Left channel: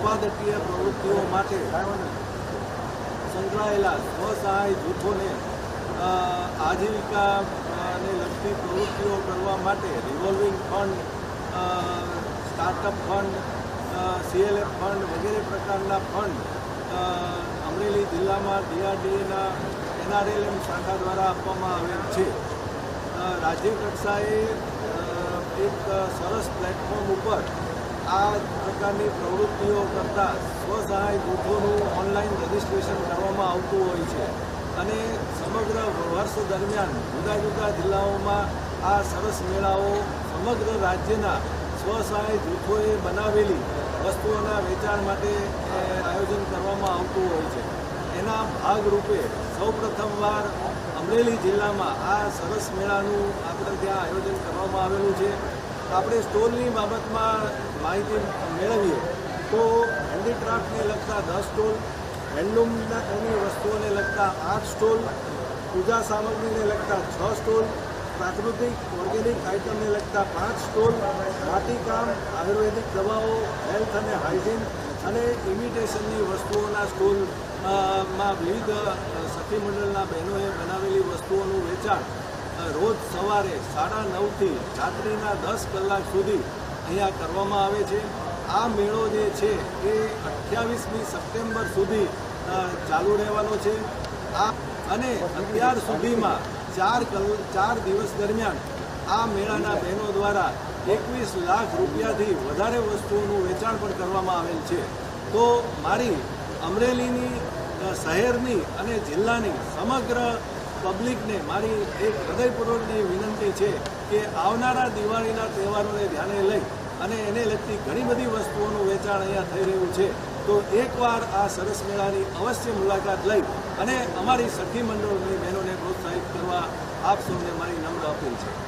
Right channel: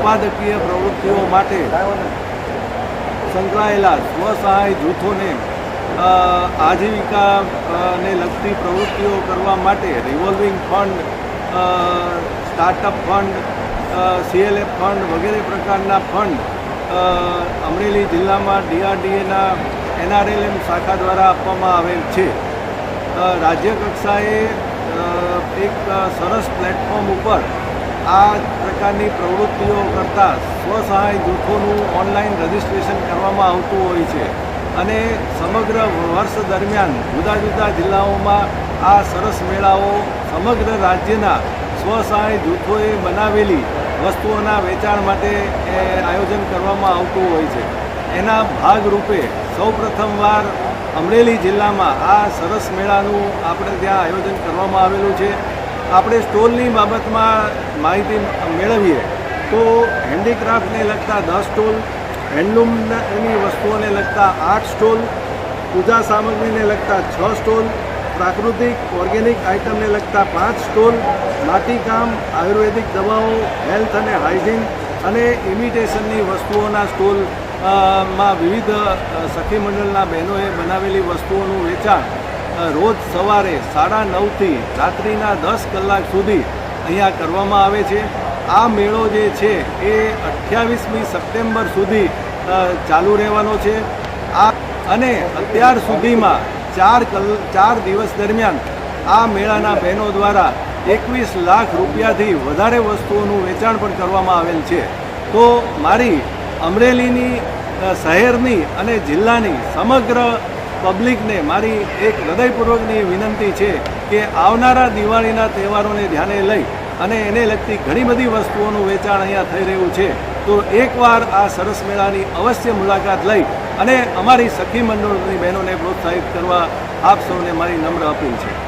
સંપાદકીય પ્રવૃત્તિઓ માટે સંકળાયેલા સ્વસહાય જૂથોને આજીવિકાને લગતી પ્રવૃત્તિઓ કરવા માટે revolving fund startup fund CLF fund વગેરે પ્રકારના ફંડ અમરેલી જિલ્લામાં ડીઆરડીએના એનઆરએલએમ શાખા દ્વારા આપવામાં આવેલ છે. રાજ્ય કક્ષાએ એક સરસ પ્લેટફોર્મ ઉપર આ પ્રકારની પ્રવૃત્તિઓ કરતાં સ્વસહાય જૂથોનું ઓનલાઈન રજિસ્ટ્રેશન કરવામાં આવતું હોય છે અને સમગ્ર વર્ષ દરમિયાન જુદા જુદા જિલ્લાઓમાં આ સરસ મેળાઓ સમગ્ર રાજ્યના સ્વસહાય જૂથોએ બનાવેલી વસ્તુઓના વેચાણ માટે આયોજન કરવામાં આવતું હોય છે. એના ભાગરૂપે સૌપ્રથમવાર અમરેલી જિલ્લામાં આ સરસ મેળાનું આપણે ત્યાં આયોજન કરવામાં આવેલું છે. આપણે સ્ટોલની બાબતમાં માહિતી મેળવીએ, તો હેન્ડીક્રાફ્ટને લગતા દસ સ્ટોલ, હેન્ડલૂમની વસ્તુઓને લગતા આઠ સ્ટોલ, પૂજા સામગ્રીને લગતા છ સ્ટોલ, પ્રાકૃતિક ઓર્ગેનિક આઇટમને લગતા પાંચ સ્ટોલ, માટીકામ, આયુર્વેદિક દવાઓ, હેલ્થ અને હાઇજીન અને ઇમિટેશનની વસ્તુઓના સ્ટોલમાં વિવિધ સખી મંડળના બહેનોએ બનાવેલી વસ્તુઓનું વેચાણ. રોજ સવારે સાડા નવથી રાત્રિના દસ કલાક સુધી અહીંયા કરવામાં આવે છે. આ મેળો જે છે એ અઠ્યાવીસમી સપ્ટેમ્બર સુધી ચાલુ રહેવાનો છે. આ અને અત્યાર સુધીમાં ચાર કલ, ચાર દિવસ દરમિયાન આ મેળાના બહેનો દ્વારા એકવીસ લાખ રૂપિયાથી વધારે વસ્તુઓનું વેચાણ પણ કરવામાં આવેલ છે. તો મારી અમરેલીની શહેરની અને જિલ્લાની સમગ્ર પબ્લિકને મારી એક હૃદયપૂર્વકની વિનંતી છે કે આવનારા દિવાળીના તહેવારોને ધ્યાને લઈ અને એને લગતી ઘણી બધી વસ્તુઓનું વેચાણ અહીંયા થઈ રહ્યું છે. તો એકવાર આ સરસ મેળાની અવશ્ય મુલાકાત લઈ અને અમારી સખી મંડળની બહેનોને પ્રોત્સાહિત કરવા આપ સૌને મારી નમ્ર અપીલ છે.